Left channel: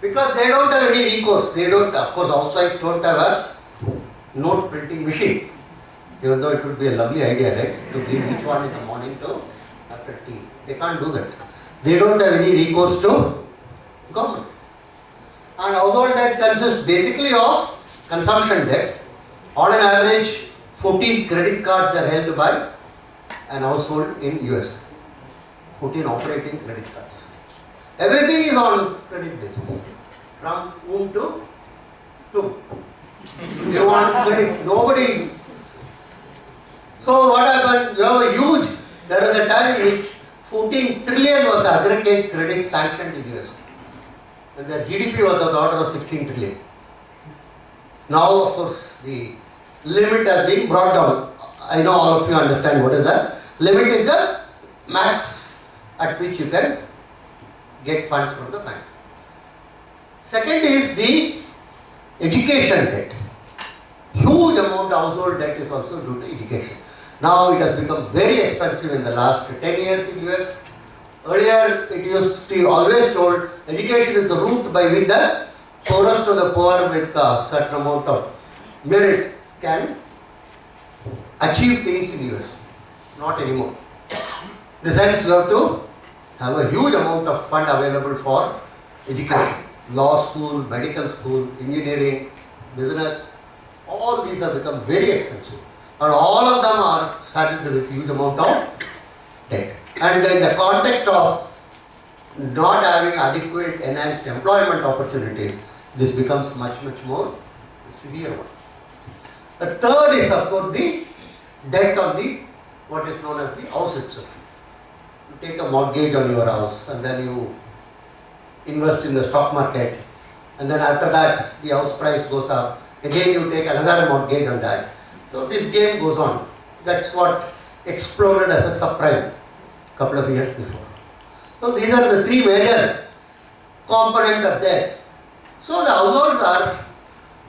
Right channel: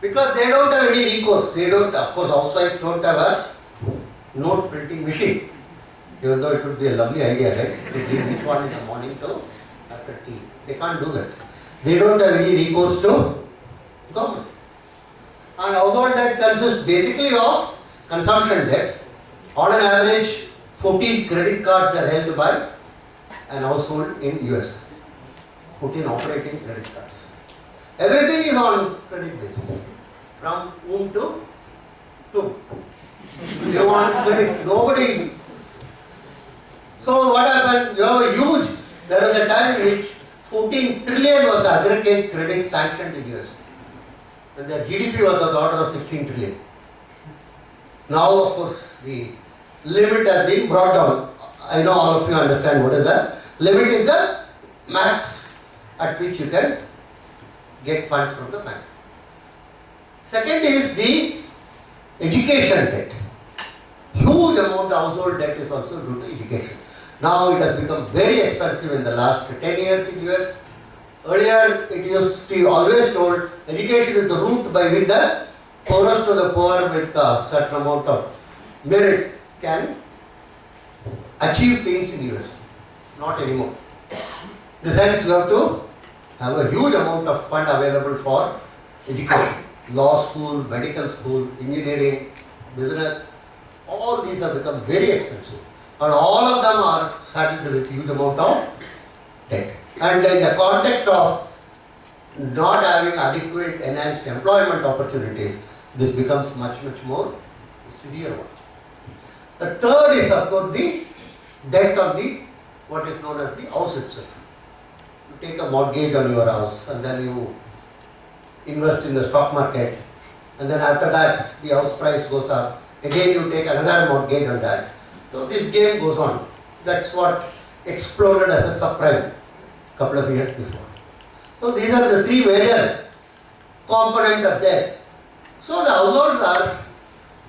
Because they don't have any recourse. They don't, of course, housewives don't have a note printing machine. Even though it would be a lovely idea, right? To give each one in the morning to after tea. They can't do that. They don't have any recourse to government. And household debt consists basically of consumption debt. On an average, 14 credit cards are held by an household in US. 14 operating credit cards. Everything is on credit basis. From whom to whom. You want credit, nobody. So what happened? You have a huge, there was a time in which 14 trillion was the aggregate credit sanctioned in US. And their GDP was of the order of 16 trillion. Now, of course, the limit has been brought down. I know all of you understand what is the limit is the max at which you can get funds from the bank. Second is the education debt. Huge amount of household debt is also due to education. Now it has become very expensive in the last 10 years in US. Earlier it used to be always told education is the route by which the poorest of the poor with a certain amount of merit can achieve things in US. Not anymore. In the sense you have to have a huge amount of fund available for education. Law school, medical school, engineering, business, all these have become very expensive. And all of them are saddled with huge amount of debt. And in the context of not having adequate enhanced employment opportunities, this becomes much more severe one. The third is of course the debt on the what is known as the house itself. You take a mortgage on your house and then you invest in the stock market, and then after that the house price goes up. Again you take another mortgage on that. So this game goes on. That's what exploded as a subprime a couple of years before. So these are the three major components of debt. So the households are,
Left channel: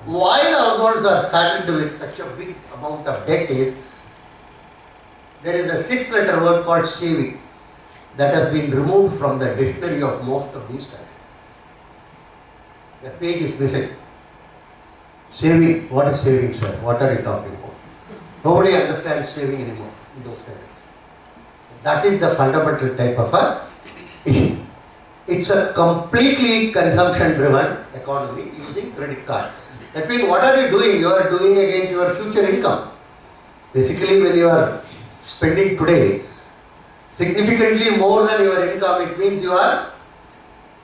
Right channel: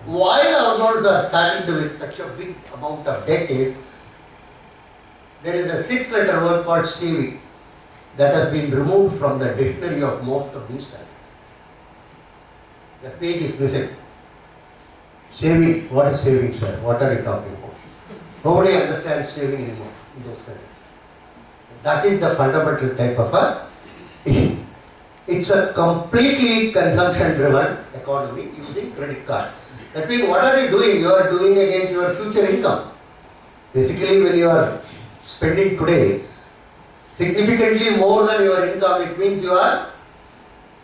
why the households are saddled with such a big amount of debt is, there is a 6-letter word called saving that has been removed from the dictionary of most of these studies. The page is missing. Saving, what is saving, sir? What are you talking about? Nobody understands saving anymore in those countries. That is the fundamental type of a issue. It's a completely consumption-driven economy using credit card. That means what are you doing? You are doing against your future income. Basically, when you are spending today significantly more than your income, it means you are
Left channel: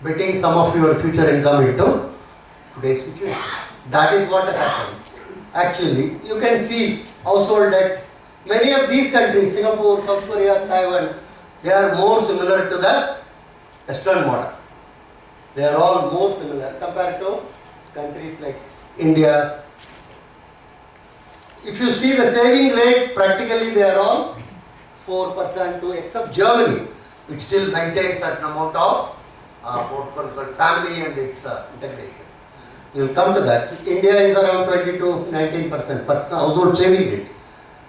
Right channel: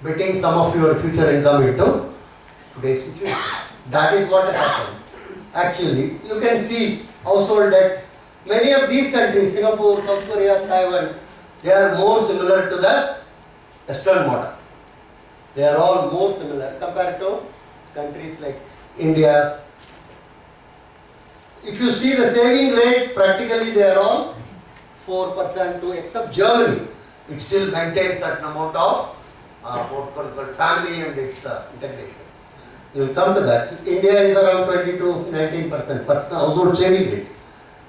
betting some of your future income into today's situation. That is what has happened. Actually, you can see household debt. Many of these countries, Singapore, South Korea, Taiwan, they are more similar to the Western model. They are all more similar compared to countries like India. If you see the saving rate, practically they are all 4% too, except Germany, which still maintains certain amount of family and its integration. We will come to that. India is around 20 to 19% personal household saving rate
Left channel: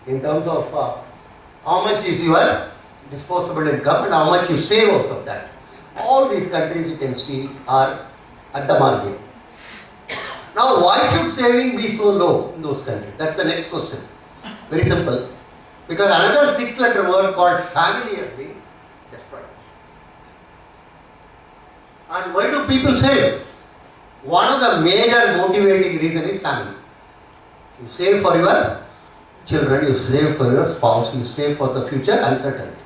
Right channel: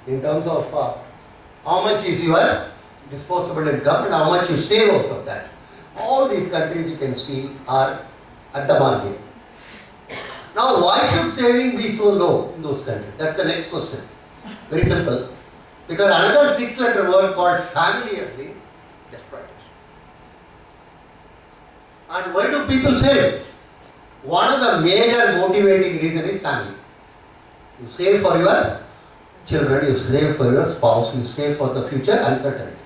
in terms of how much is your disposable income and how much you save out of that. All these countries you can see are at the margin. Now why should saving be so low in those countries? That's the next question. Very simple. Because another 6-letter word called family has been destroyed. And why do people save? One of the major motivating reasons is family. You save for your children, you save for your spouse, you save for the future uncertainty.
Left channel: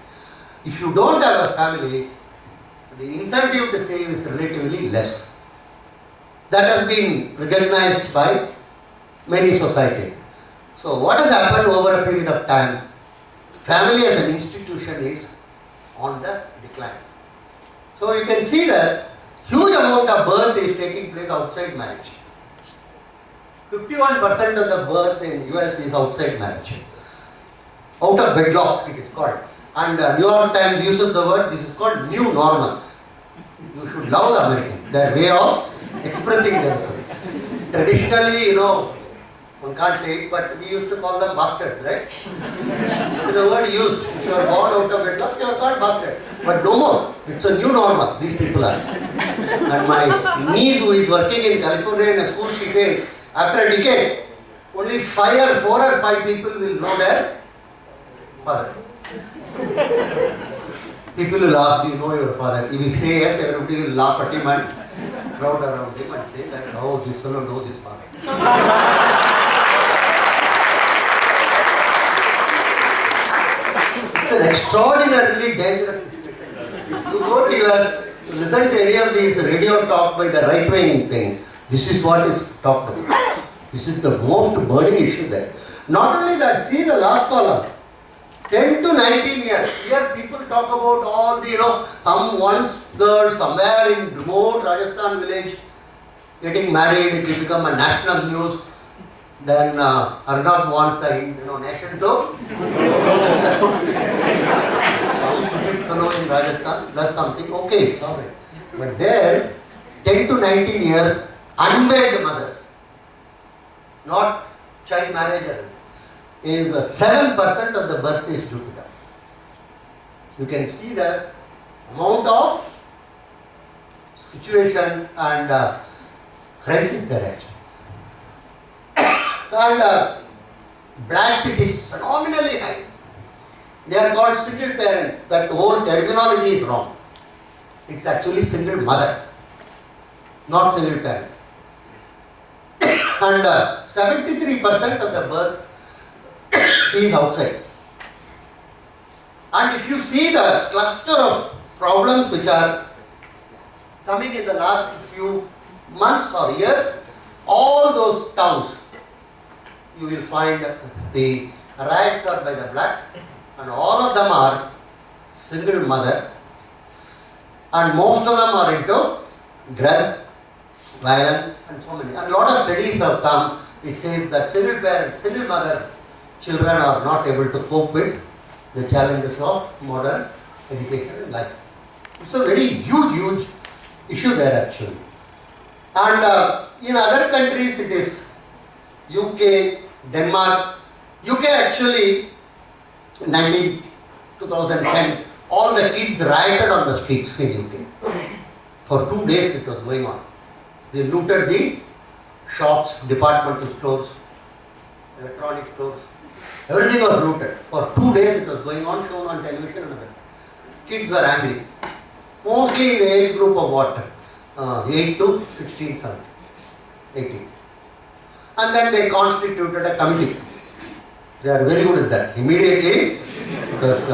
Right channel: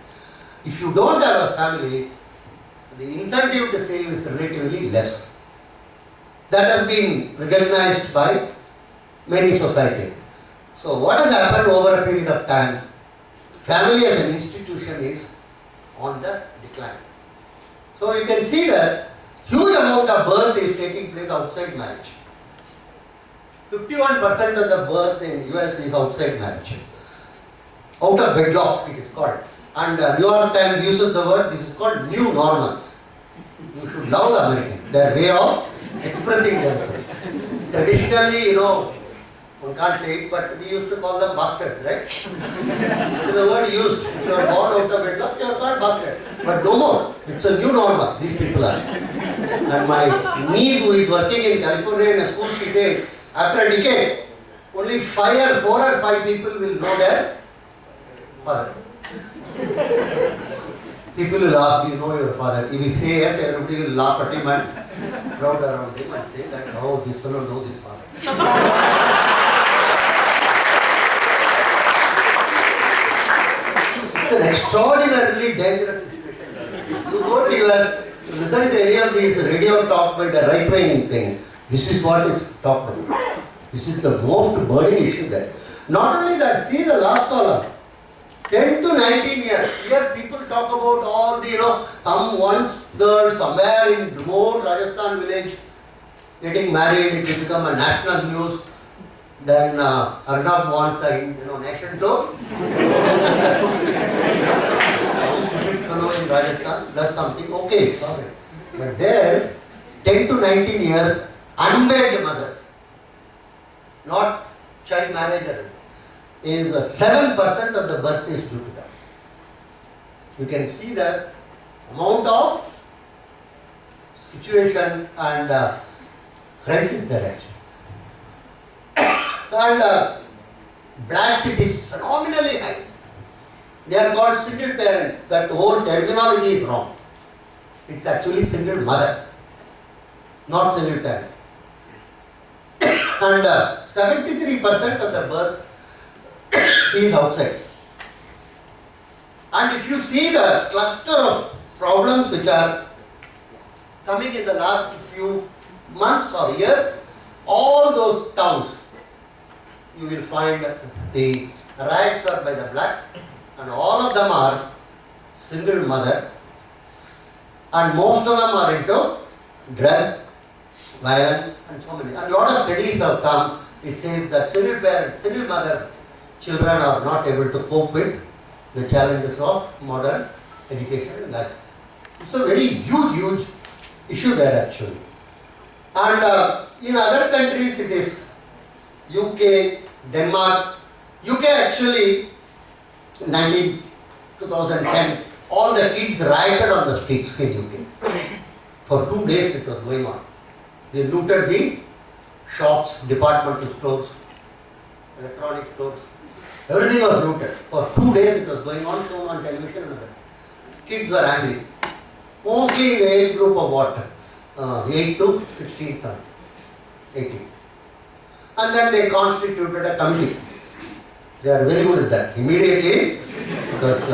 If you don't have a family, the incentive to save is relatively less. That has been recognized by many societies. So what has happened over a period of time? Family as an institution is on the decline. So you can see that huge amount of birth is taking place outside marriage. 51% of the birth in US is outside marriage. Out of wedlock it is called. And New York Times uses the word, this is called new normal. You should love the Americans, their way of expressing themselves. Traditionally, One can't say it, but we used to call them bastards, right? That is the word used. If you are born out of wedlock, you are called bastard. But no more. It's a new normal, these people are. And my niece who is working in California in a school, she says, after a decade, only 4 or 5 people will know their father. People will ask, do you know your father? If he say yes, everybody will laugh at him and crowd around him and say that, oh, this fellow knows his father. It's an extraordinarily dangerous situation. You go to listen to any of these radio talk by the right-wing thing, this is what is talked about. This is the most burning issue there. Not only that, see the last column. 10 to 19 years. Here people talk about all the, some one girl somewhere in remote Rajasthan village getting married, it will become a national news. Then Arnab wants the nation to fellow in Rajasthan does something, okay, it's alright. But there, 10 to 19 years, unwed mothers, not child marriage, is 7% of the birth is due to them. You can see the amount of situation and crisis there actually. And blacks, it is phenomenally high. They are called single parent. That whole terminology is wrong. It's actually single mother, not single parent. And 73% of the birth is outside. And if you see the cluster of problems which are coming in the last few months or years, all those towns, you will find the riots are by the blacks, and all of them are single mother, and most of them are into drugs, violence, and so many. And a lot of studies have come which says that single mother children are not able to cope with the challenges of modern education and life. It's a very huge issue there actually. And in other countries it is UK, Denmark. UK actually, 2010, all the kids rioted on the streets in UK. For 2 days it was going on. They looted the shops, departmental stores, electronic stores. Everything was looted. For 2 days it was going on, shown on television and everything. Kids were angry. Mostly in the age group of what? 8 to 16, 17, 18. And then they constituted a committee. They are very good at that. Immediately, because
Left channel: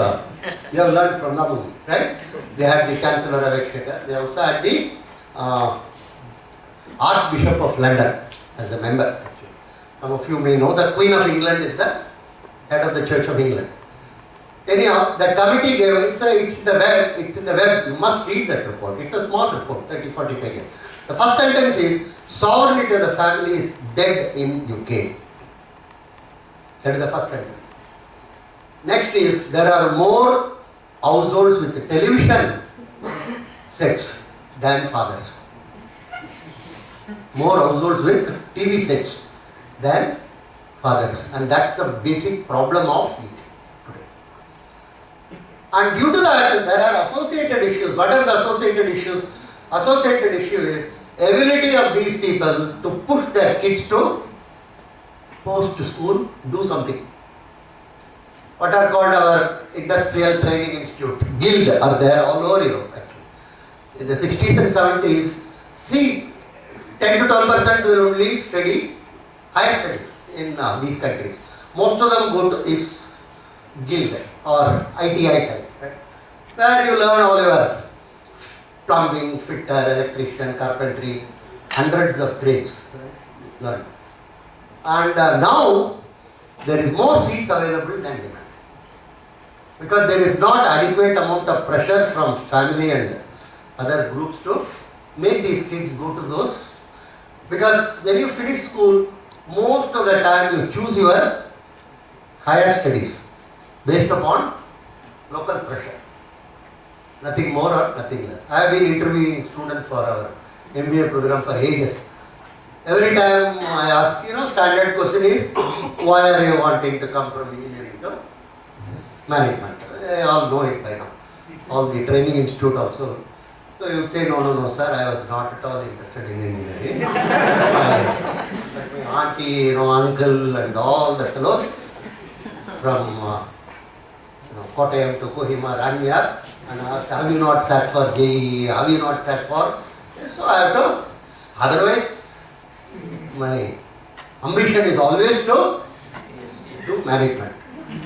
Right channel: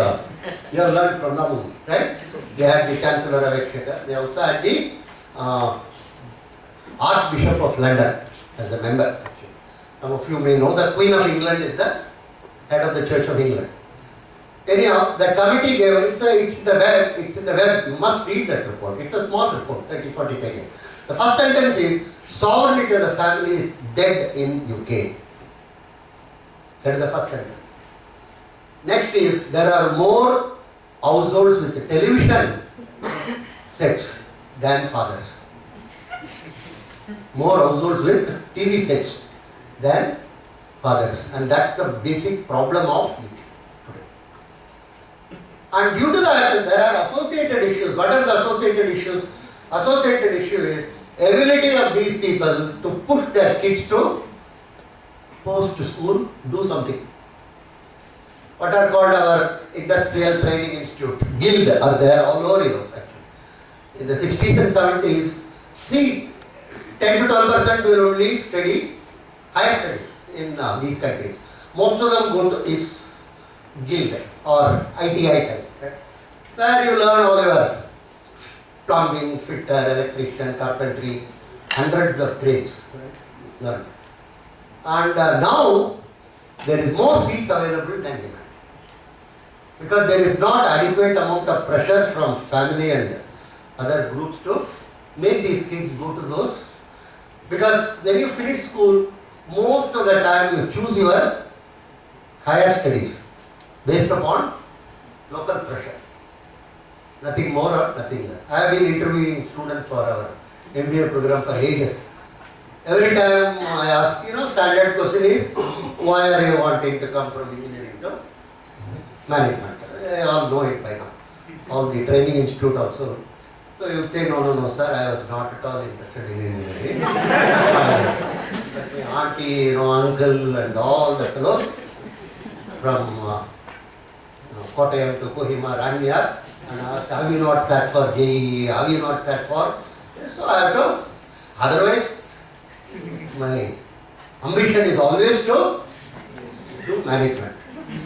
you have learned from the movie, right? They had the Chancellor of Exchequer. They also had the Archbishop of London as a member. Actually. Some of you may know the Queen of England is the head of the Church of England. Anyhow, the committee gave, it's in the web, you must read that report. It's a small report, 30-40 pages. The first sentence is, sovereignty of the family is dead in UK. That is the first sentence. Next is, there are more households with television sets than fathers. More households with TV sets than fathers. And that's the basic problem of UK today. And due to that, there are associated issues. What are the associated issues? Associated issue is ability of these people to push their kids to post school, do something. What are called our industrial training institute, guild are there all over Europe actually. In the 60s and 70s, see 10 to 12% will only study higher studies in these countries. Most of them go to this guild or ITI type, right? Where you learn all your plumbing, fitter, electrician, carpentry, hundreds of trades, right? Learn. And now there is more seats available than demand. Because there is not adequate amount of pressure from family and other groups to make these kids go to those. Because when you finish school, most of the time you choose your higher studies based upon local pressure. Nothing more or nothing less. I have been interviewing students for our MBA program for ages. Every time I ask, standard question is, why are you wanting to come from engineering to management? They all know it by now. All the training institute also. So you would say, no, sir, I was not at all interested in engineering. My auntie, uncle and all the fellows from Kottayam to Kohima ran me up and asked, have you not sat for JEE? Have you not sat for? So I have to, otherwise my ambition is always to do management.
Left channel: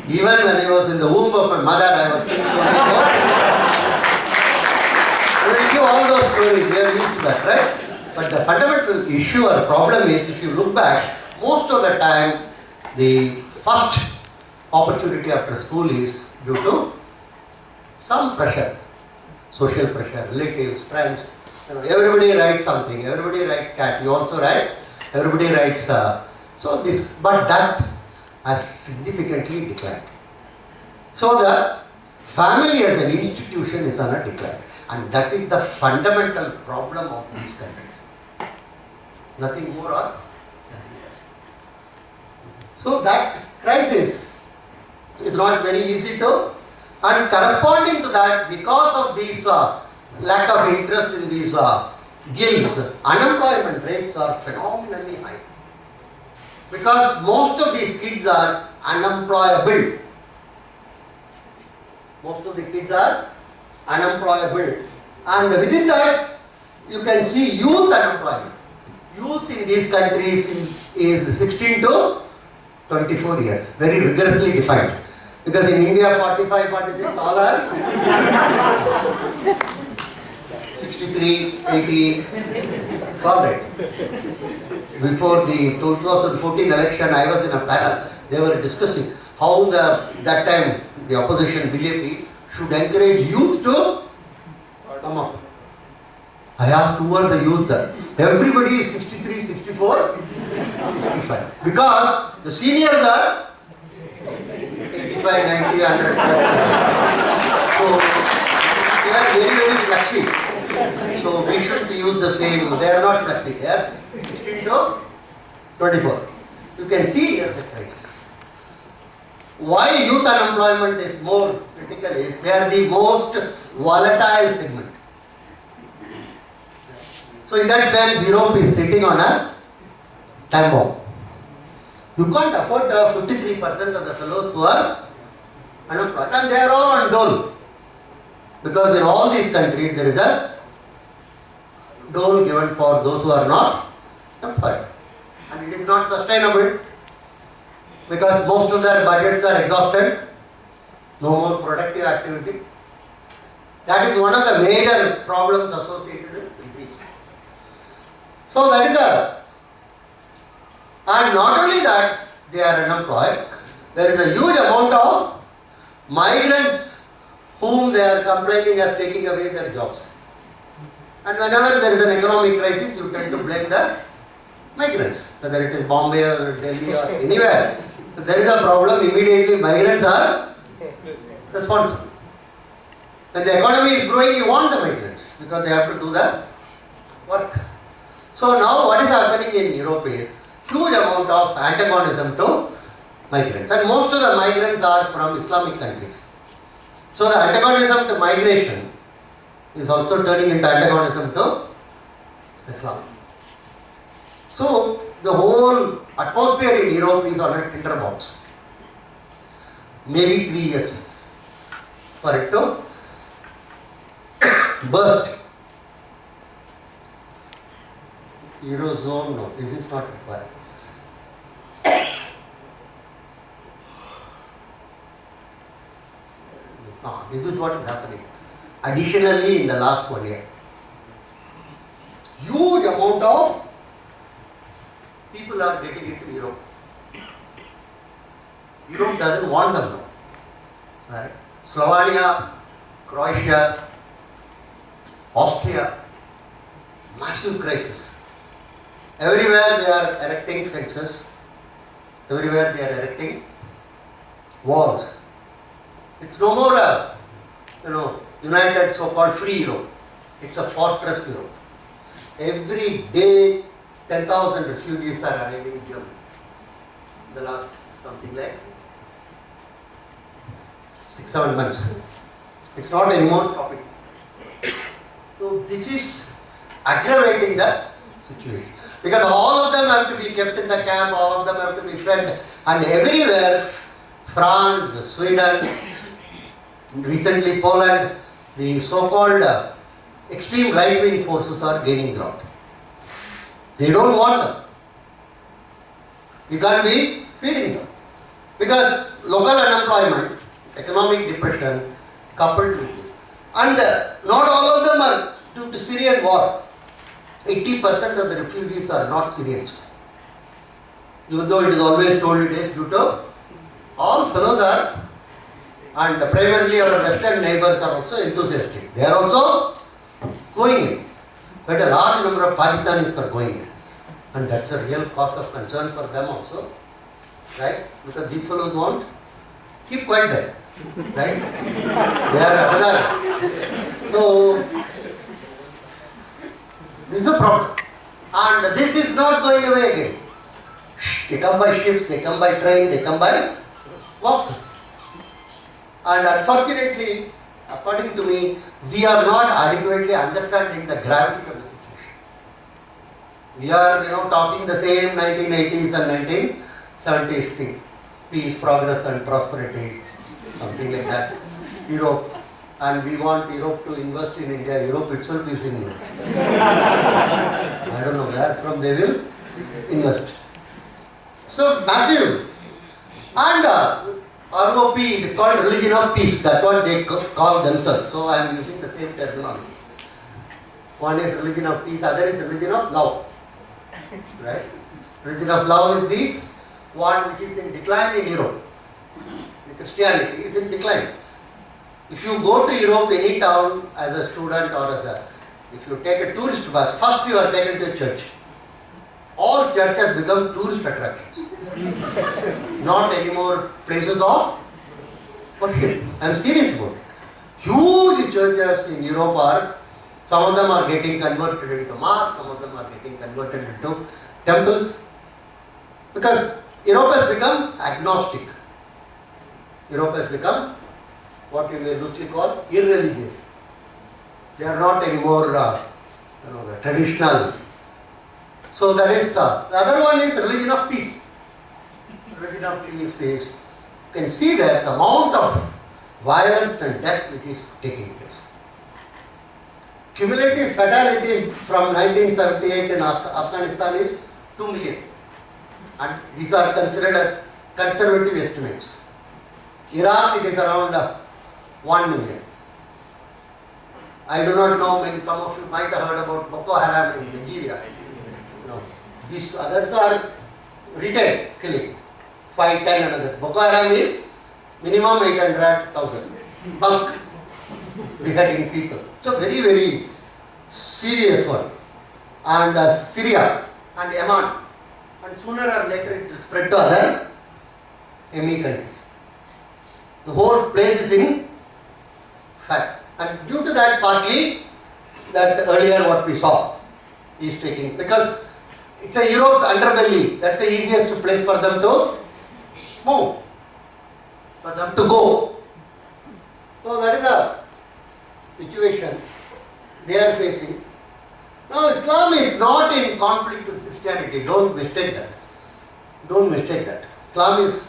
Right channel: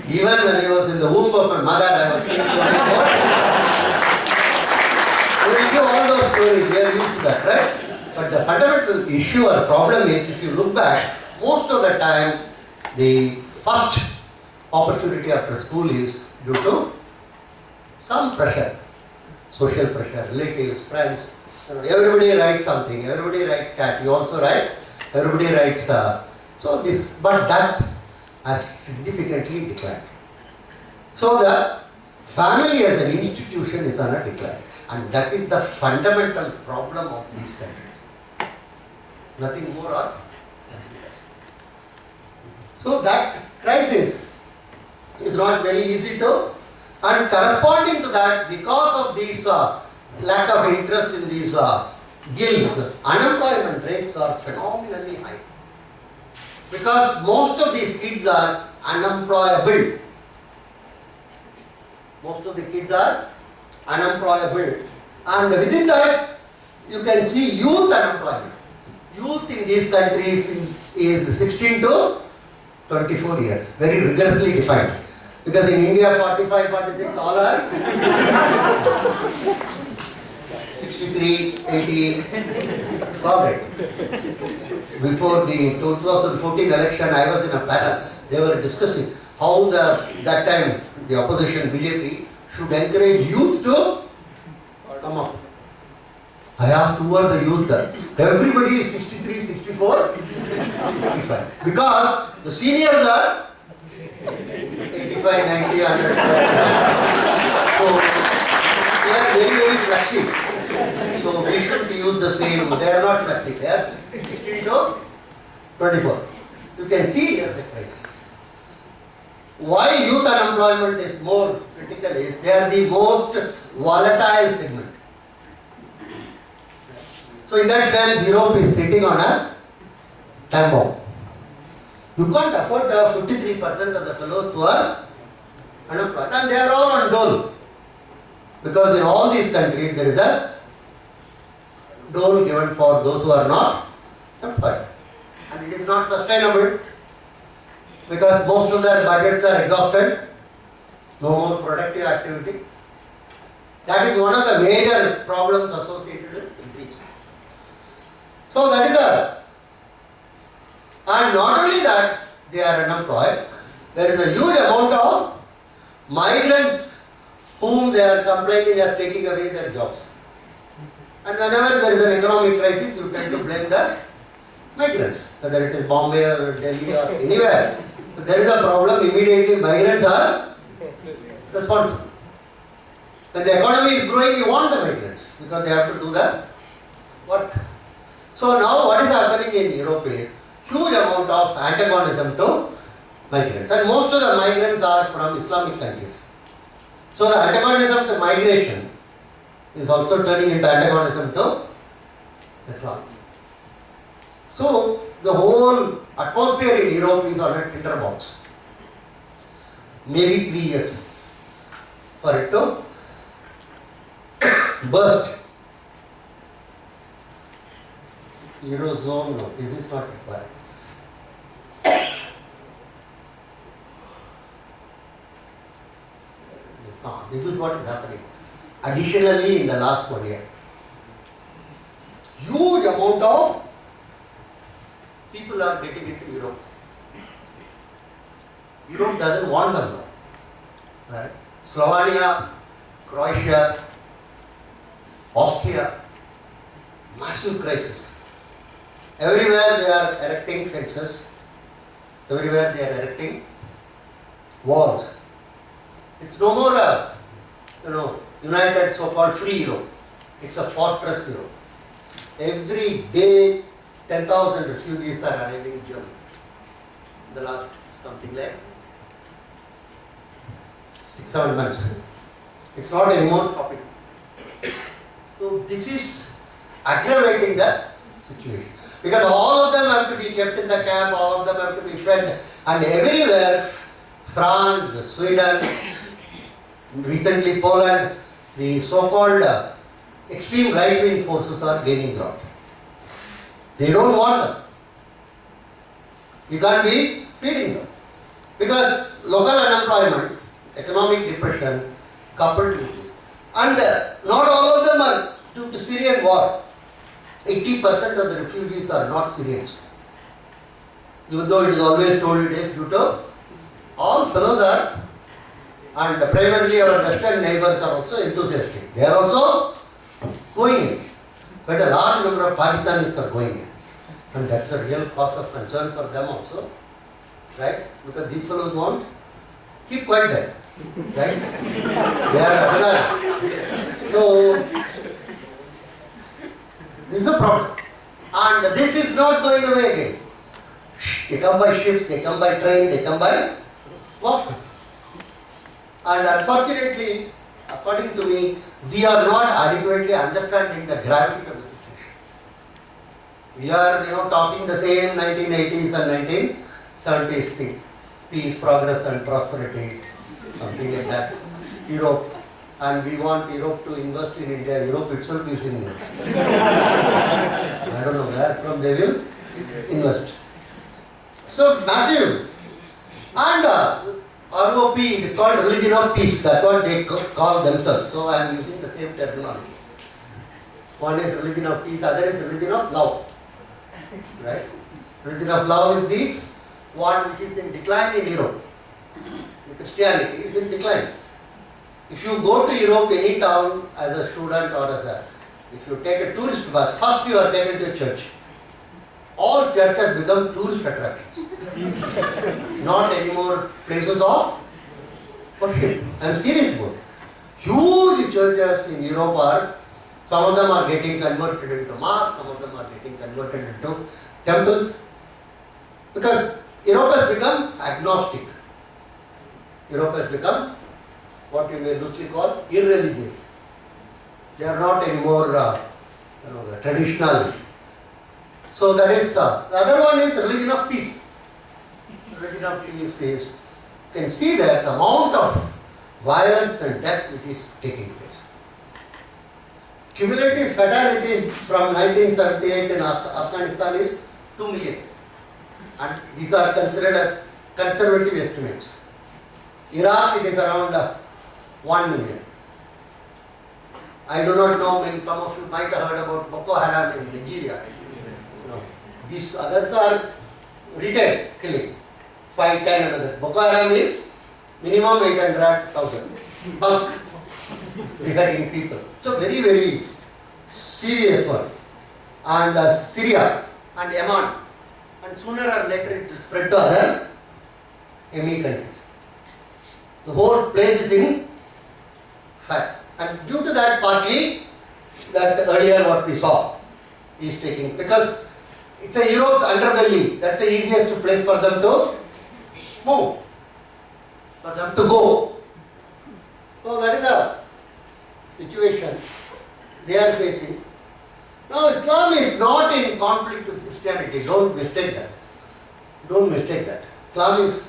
Even when I was in the womb of my mother, I was thinking I will give all those stories, we are used to that, right? But the fundamental issue or problem is, if you look back, most of the time, the first opportunity after school is due to some pressure, social pressure, relatives, friends. Everybody writes something, everybody writes cat, you also write, everybody writes, but that has significantly declined. So the family as an institution is on a decline, and that is the fundamental problem of these countries. Nothing more or nothing less. So that crisis is not very easy to, and corresponding to that, because of these lack of interest in these guilds, unemployment rates are phenomenally high. Because most of these kids are unemployable. Most of the kids are unemployable. And within that, you can see youth unemployment. Youth in these countries is 16 to 24 years, very rigorously defined. Because in India, 45, 46, all are 63, 18, it's all right. Before the 2014 election, I was in a panel. They were discussing how that time the opposition BJP should encourage youth to come up. I asked who are the youth there. Everybody is 63, 64, 65. Because the seniors are 85, 90, 100. So they are very, very flashy. So we should use the same. They are not flashy. They are 16 to 24. You can see here the crisis. Why youth unemployment is more critical is they are the most volatile segment. So in that sense, Europe is sitting on a time bomb. You can't afford 53% of the fellows who are unemployed, and they are all on dole. Because in all these countries there is a dole given for those who are not employed. And it is not sustainable because most of their budgets are exhausted, no more productive activity. That is one of the major problems associated with peace. So that is and not only that they are unemployed, there is a huge amount of migrants whom they are complaining are taking away their jobs. And whenever there is an economic crisis, you tend to blame the migrants, whether it is Bombay or Delhi or anywhere. If there is a problem, immediately migrants are responsible. When the economy is growing, you want the migrants because they have to do the work. So now what is happening in Europe is huge amount of antagonism to migrants, and most of the migrants are from Islamic countries. So the antagonism to migration is also turning into antagonism to Islam. So the whole atmosphere in Europe is on a tinderbox. Maybe 3 years for it to burst. Eurozone, no, this is not required. No, this is what is happening. Additionally, in the last 1 year, huge amount of people are getting into Europe. Europe doesn't want them now. Right? Slovenia, Croatia, Austria, massive crisis. Everywhere they are erecting fences. Everywhere they are erecting walls. It's no more a, united so-called free Europe. It's a fortress Europe. Every day 10,000 refugees are arriving in Germany. The last something like 6-7 months. It's not anymore stopping. So this is aggravating the situation. Because all of them have to be kept in the camp, all of them have to be fed, and everywhere, France, Sweden, recently Poland, the so-called extreme right-wing forces are gaining ground. They don't want them. You can't be feeding them. Because local unemployment, economic depression, coupled with this. And not all of them are due to Syrian war. 80% of the refugees are not Syrians. Even though it is always told it is due to all fellows are, and primarily our western neighbors are also enthusiastic. They are also going in. But a large number of Pakistanis are going in. And that's a real cause of concern for them also. Right? Because these fellows won't keep quiet there. Right? They are another. So, this is the problem. And this is not going away again. They come by ships, they come by train, they come by walk. And unfortunately, according to me, we are not adequately understanding the gravity of the situation. We are, talking the same 1980s and 1970s thing. Peace, progress and prosperity, something like that. Europe. And we want Europe to invest in India. Europe itself is in India. I don't know where from they will invest. So massive. And ROP, it is called religion of peace. That's what they call themselves. So I am using the same terminology. One is religion of peace, other is religion of love. Right? Religion of love is the one which is in decline in Europe. The Christianity is in decline. If you go to Europe, any town, as a student or if you take a tourist bus, first you are taken to a church. All churches become tourist attractions. Not anymore places of worship. I am serious about it. Huge churches in Europe are, some of them are getting converted into mosques, some of them are getting converted into temples. Because Europe has become agnostic. Europe has become what we may loosely call irreligious. They are not anymore the traditional. So that is the other one is religion of peace. Religion of peace is, you can see that the amount of violence and death which is taking place. Cumulative fatality from 1978 in Afghanistan is 2 million. And these are considered as conservative estimates. Iraq, it is around 1 million. I do not know, maybe some of you might have heard about Boko Haram in Nigeria. These others are retail killing, 5, 10 and others. Boko Haram is minimum 800,000. Bulk beheading people. So very, very serious one. And Syria and Yemen. And sooner or later it will spread to other enemy countries. The whole place is in fact. And due to that partly, that earlier what we saw is taking, because it's a Europe's underbelly, that's the easiest place for them to move, for them to go. So that is the situation they are facing. Now Islam is not in conflict with Christianity, don't mistake that. Don't mistake that. Islam is,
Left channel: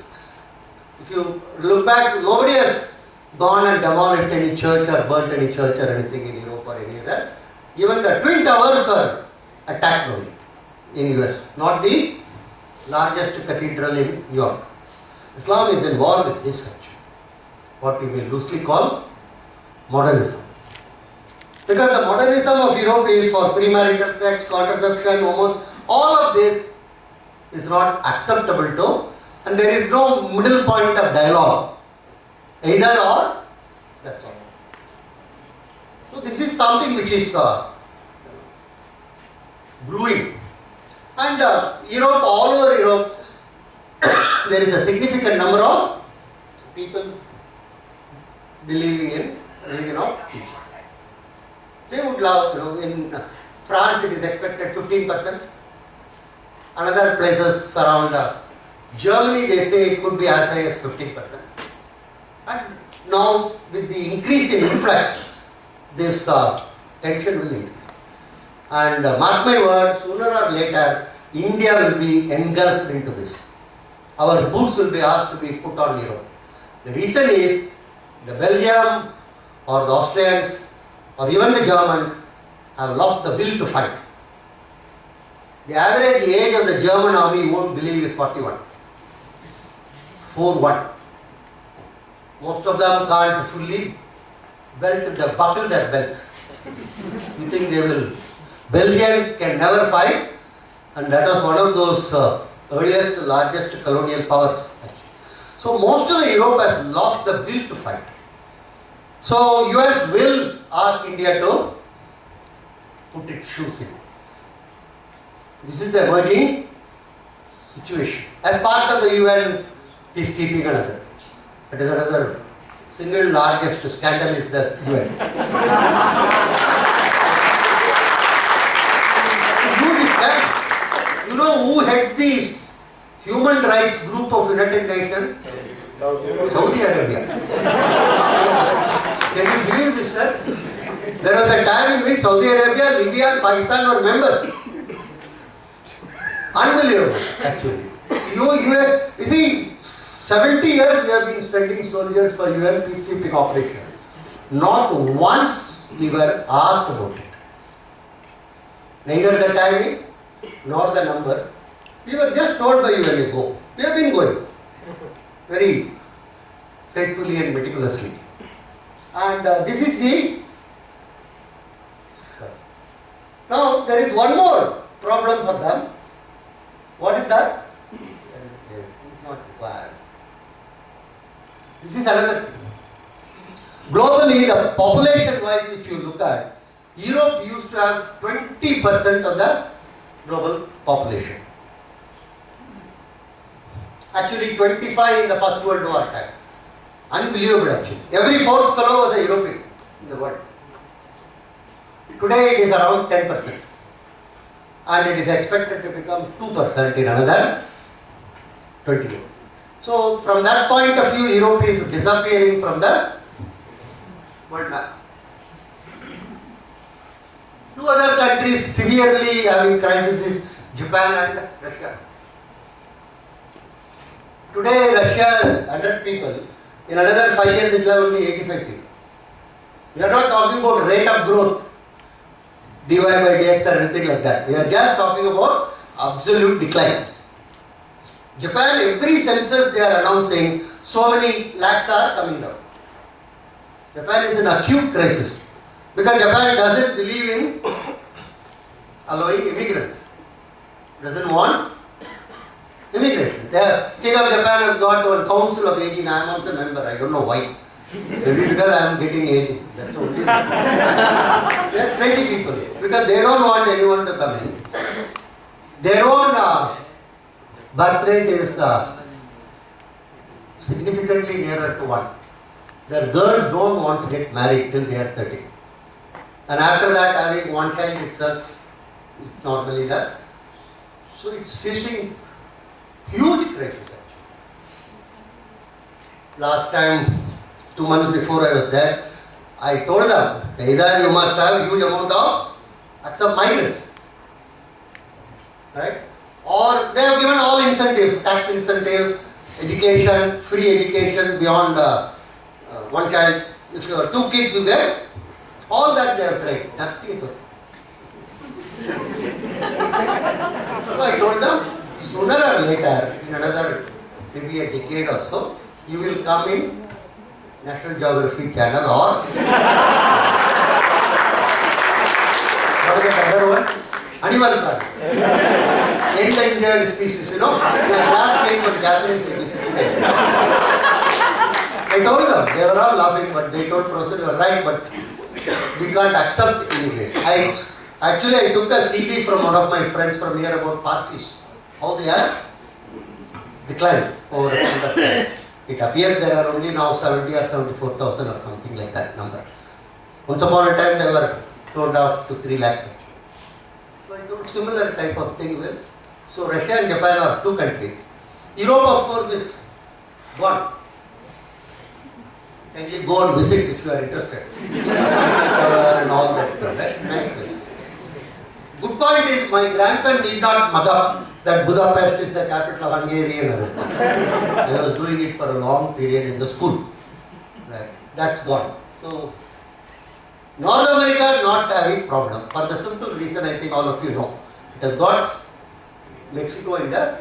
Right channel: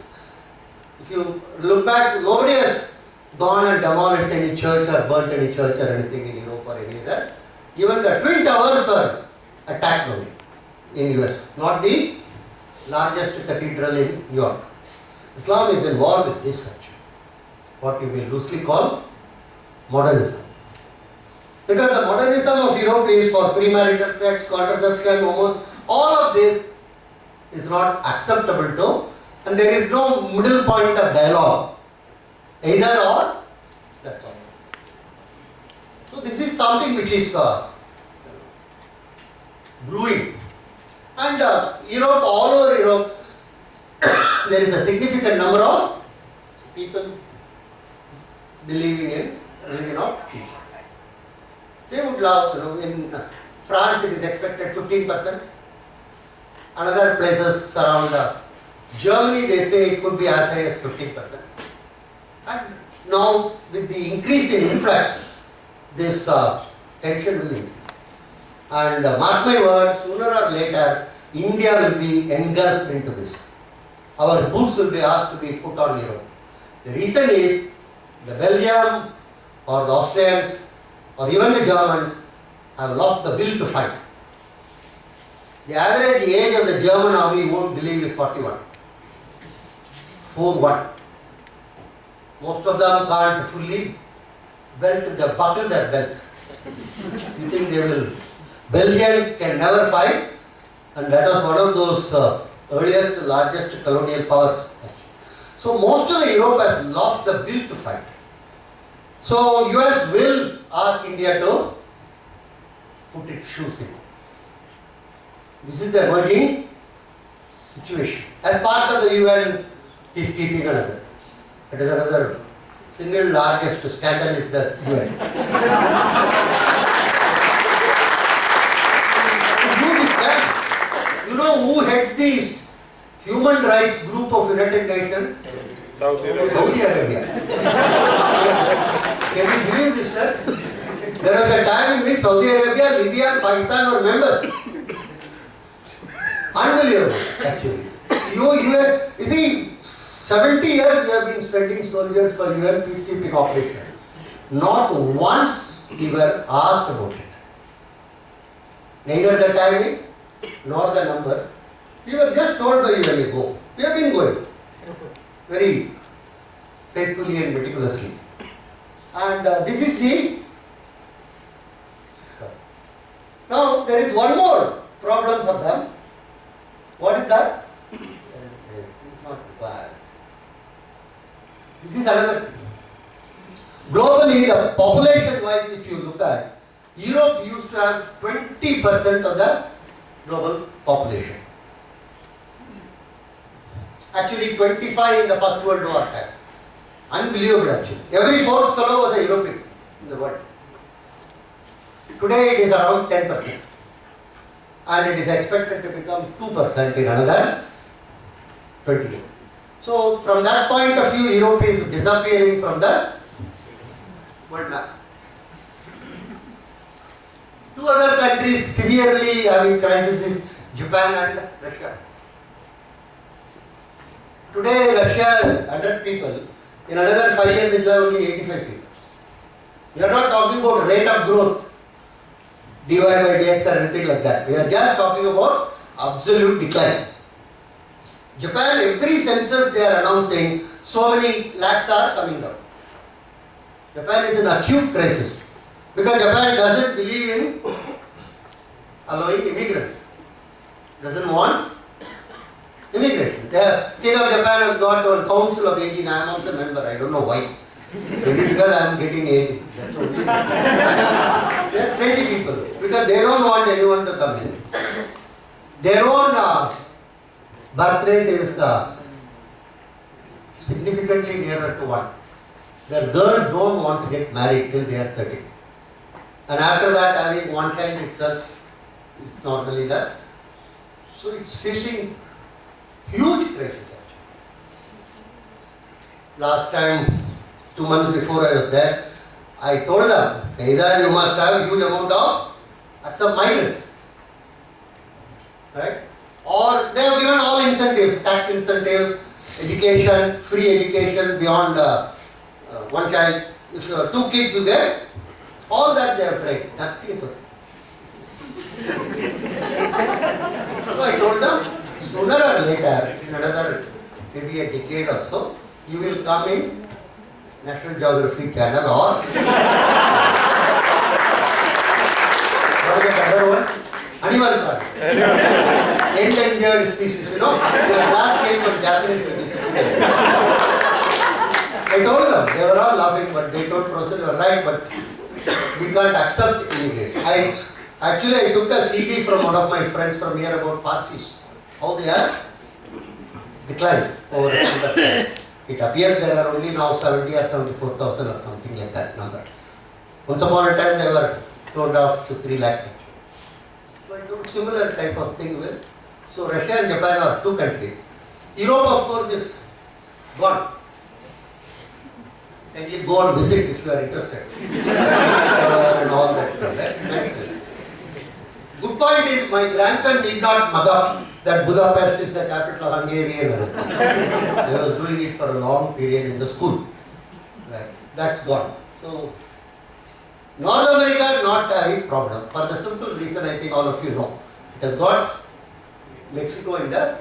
if you look back, nobody has gone and demolished any church or burnt any church or anything in Europe or any other. Even the Twin Towers were attacked only in US, not the largest cathedral in New York. Islam is involved with this such, what we may loosely call modernism. Because the modernism of Europe is for premarital sex, contraception, almost all of this is not acceptable to, and there is no middle point of dialogue. Either or, that's all. So this is something which is brewing. And Europe, all over Europe, there is a significant number of people believing in religion of peace. They would love, in France it is expected 15%, Another places around Germany, they say it could be as high as 15%. And now with the increase in influx, this tension will increase. And mark my words, sooner or later, India will be engulfed into this. Our boots will be asked to be put on Europe. The reason is the Belgium or the Austrians or even the Germans have lost the will to fight. The average age of the German army, you won't believe, is 41. 4-1. Most of them can't fully buckle their belts. You think they will? Belgium can never fight, and that was one of those earliest, largest colonial powers. So most of the Europe has lost the will to fight. So US will ask India to put its shoes in. This is the emerging situation. As part of the UN peacekeeping another. That is another single largest scandal is the UN. You know who heads the human rights group of United Nations? Saudi Arabia. Can you believe this, sir? There was a time in which Saudi Arabia, Libya and Pakistan were members. Unbelievable, actually. You see, 70 years we have been sending soldiers for UN peacekeeping operation. Not once we were asked about it. Neither the timing nor the number. We were just told by UN, go. We have been going very faithfully and meticulously. And this is the... Now there is one more problem for them. What is that? It is not required. This is another thing. Globally, the population-wise, if you look at, Europe used to have 20% of the global population. Actually, 25 in the First World War time. Unbelievable, actually. Every fourth fellow was a European in the world. Today, it is around 10%. And it is expected to become 2% in another 20 years. So, from that point of view, Europe is disappearing from the world map. Two other countries severely having crisis is Japan and Russia. Today, Russia has 100 people. In another 5 years, it will have only 85 people. We are not talking about rate of growth, dy by dx or anything like that. We are just talking about absolute decline. Japan, every census they are announcing so many lakhs are coming down. Japan is in acute crisis because Japan doesn't believe in allowing immigrants. Doesn't want immigration. The King of Japan has got a council of 18. I am also a member. I don't know why. Maybe because I am getting aged. That's only. They are crazy people because they don't want anyone to come in. Their own birth rate is significantly nearer to 1. Their girls don't want to get married till they are 30. And after that, having one child itself is normally that. So it's facing huge crisis actually. Last time, 2 months before I was there, I told them, either you must have huge amount of accept migrants. Right? Or they have given all incentives, tax incentives, education, free education beyond one child. If you have 2 kids you get, all that they have tried. Nothing is okay. So I told them, sooner or later, in another maybe a decade or so, you will come in National Geography channel or what is the other one? Animal Planet. Endangered species, you know. The last case of Japanese species. I told them, they were all laughing, but they told Professor, you are right, but we can't accept immigration. I took a CD from one of my friends from here about Parsis. How they are declined over a period of time. It appears there are only now 70 or 74,000 or something like that number. Once upon a time they were toned off to 3 lakhs. So I told similar type of thing will So Russia and Japan are two countries. Europe, of course, is gone. Kindly go and visit if you are interested. And all that. Right? Good point is, my grandson need not mug up that Budapest is the capital of Hungary and other things. I was doing it for a long period in the school. Right? That's gone. So, North America not having problem. For the simple reason, I think all of you know. It has got Mexico in the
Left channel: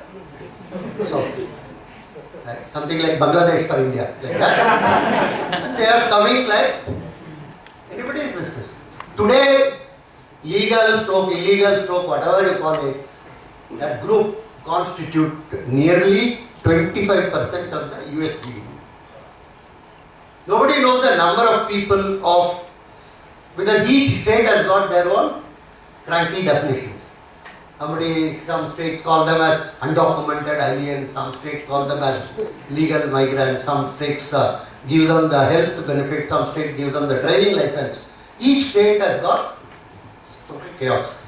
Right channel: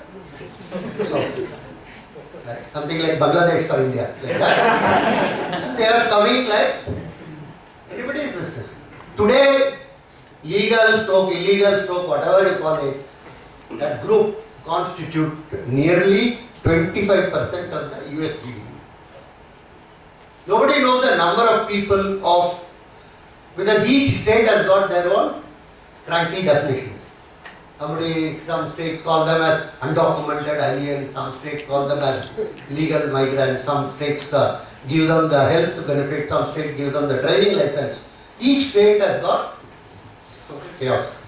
south. Right? Something like Bangladesh for India. Like that. And they are coming like anybody's business. Today, legal stroke, illegal stroke, whatever you call it, that group constitute nearly 25% of the US GDP. Nobody knows the number of people of, because each state has got their own cranky definitions. Some states call them as undocumented aliens, some states call them as legal migrants, some states give them the health benefits, some states give them the driving license. Each state has got chaos.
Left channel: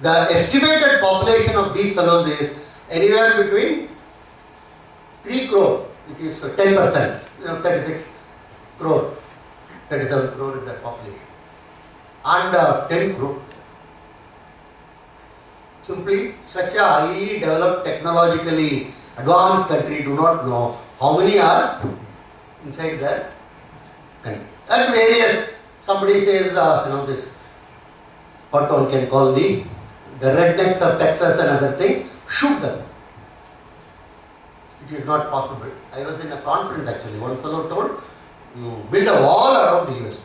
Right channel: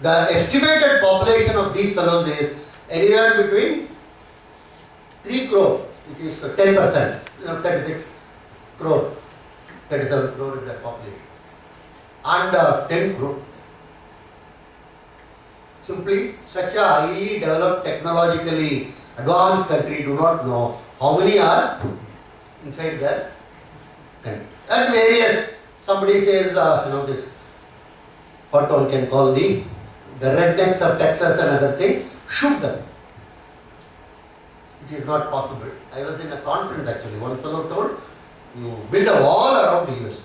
The estimated population of these fellows is anywhere between 3 crore, which is 10%, 36 crore, 37 crore is the population, and 10 crore. Simply, such a highly developed, technologically advanced country do not know how many are inside their country. At various, somebody says, this, what one can call the rednecks of Texas and other things, shoot them. It is not possible. I was in a conference actually, one fellow told, you build a wall around the US.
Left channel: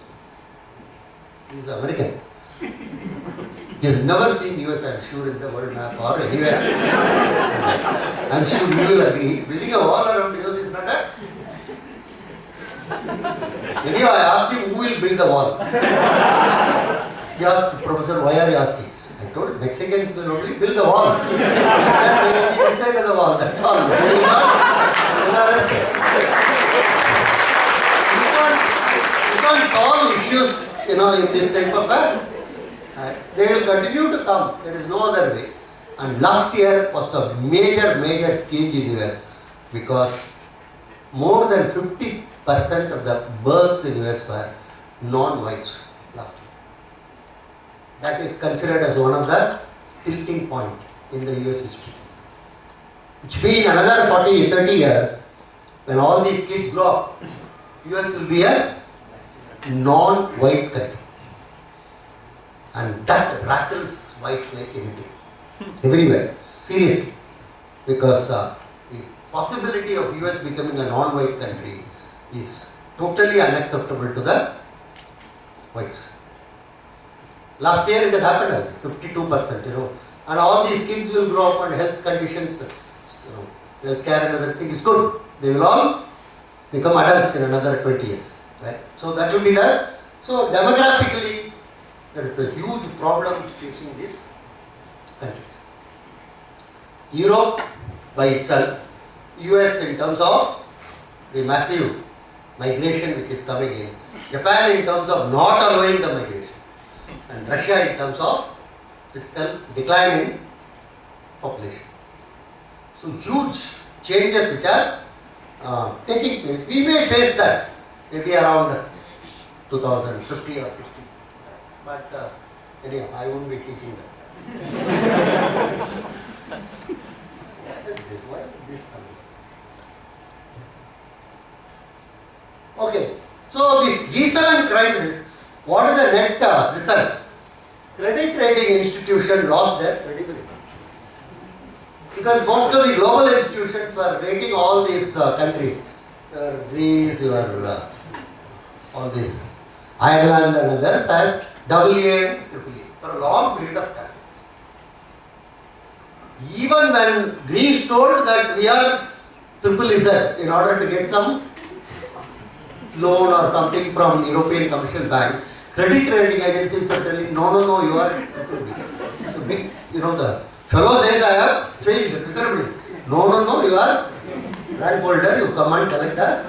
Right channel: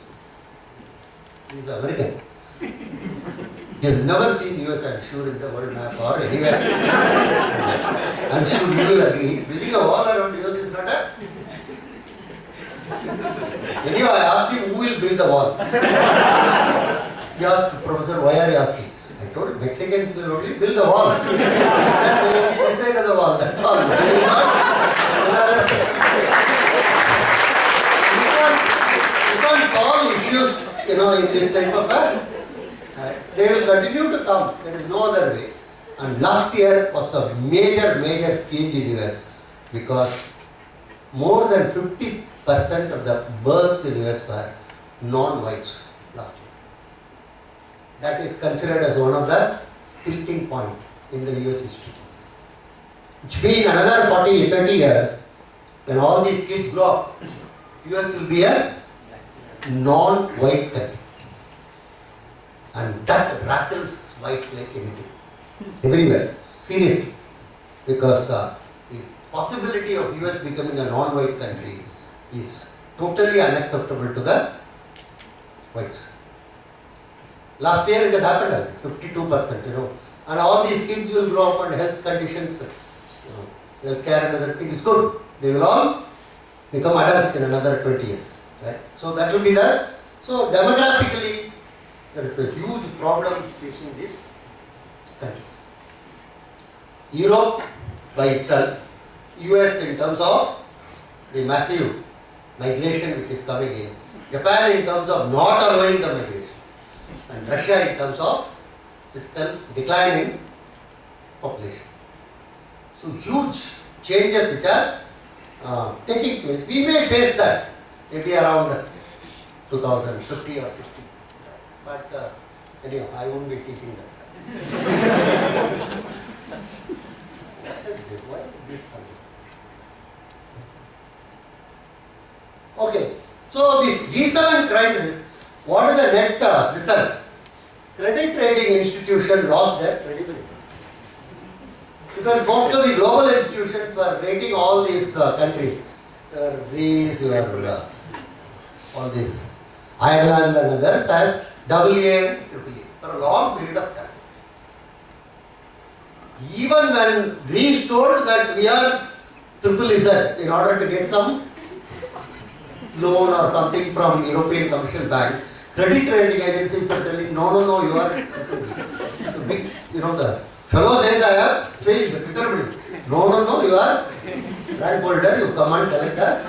He is American. He has never seen US, I am sure, in the world map or anywhere. I am sure you will agree. Building a wall around the US is not a... Anyhow, I asked him who will build the wall. He asked, Professor, why are you asking? I told him, Mexicans will only build the wall. Then they will be this side of the wall, that's all. They will not another side. You can't solve issues, in this type of a... They will continue to come. There is no other way. And last year was a major change in US because more than 50% of the births in US were non-whites last year. That is considered as one of the tilting points in the US history. Which means another 40-30 years, when all these kids grow up, US will be a non-white country. And that rattles whites like anything. Everywhere. Seriously. Because the possibility of US becoming a non-white country is totally unacceptable to the whites. Last year it has happened, 52%, And all these kids will grow up and health conditions, health care and other things is good. They will all become adults in another 20 years. Right? So that will be the... So demographically, there is a huge problem facing these countries. Europe by itself, US in terms of the massive migration which is coming in, Japan in terms of not allowing the migration, and Russia in terms of fiscal decline in population. So huge changes which are taking place. We may face that maybe around 2050 or 60. But anyhow, I won't be teaching that. Why this coming? Okay, so this G7 crisis, what is the net result? Credit rating institutions lost their credibility. Because most of the global institutions were rating all these countries, Greece, all these, Ireland and others as AA and AAA for a long period of time. Even when Greece told that we are ZZZ in order to get some loan or something from European Commercial Bank, credit rating agencies are telling, no, you are AAA. So big, the fellow says I have changed, no, you are rank holder, you come and collect the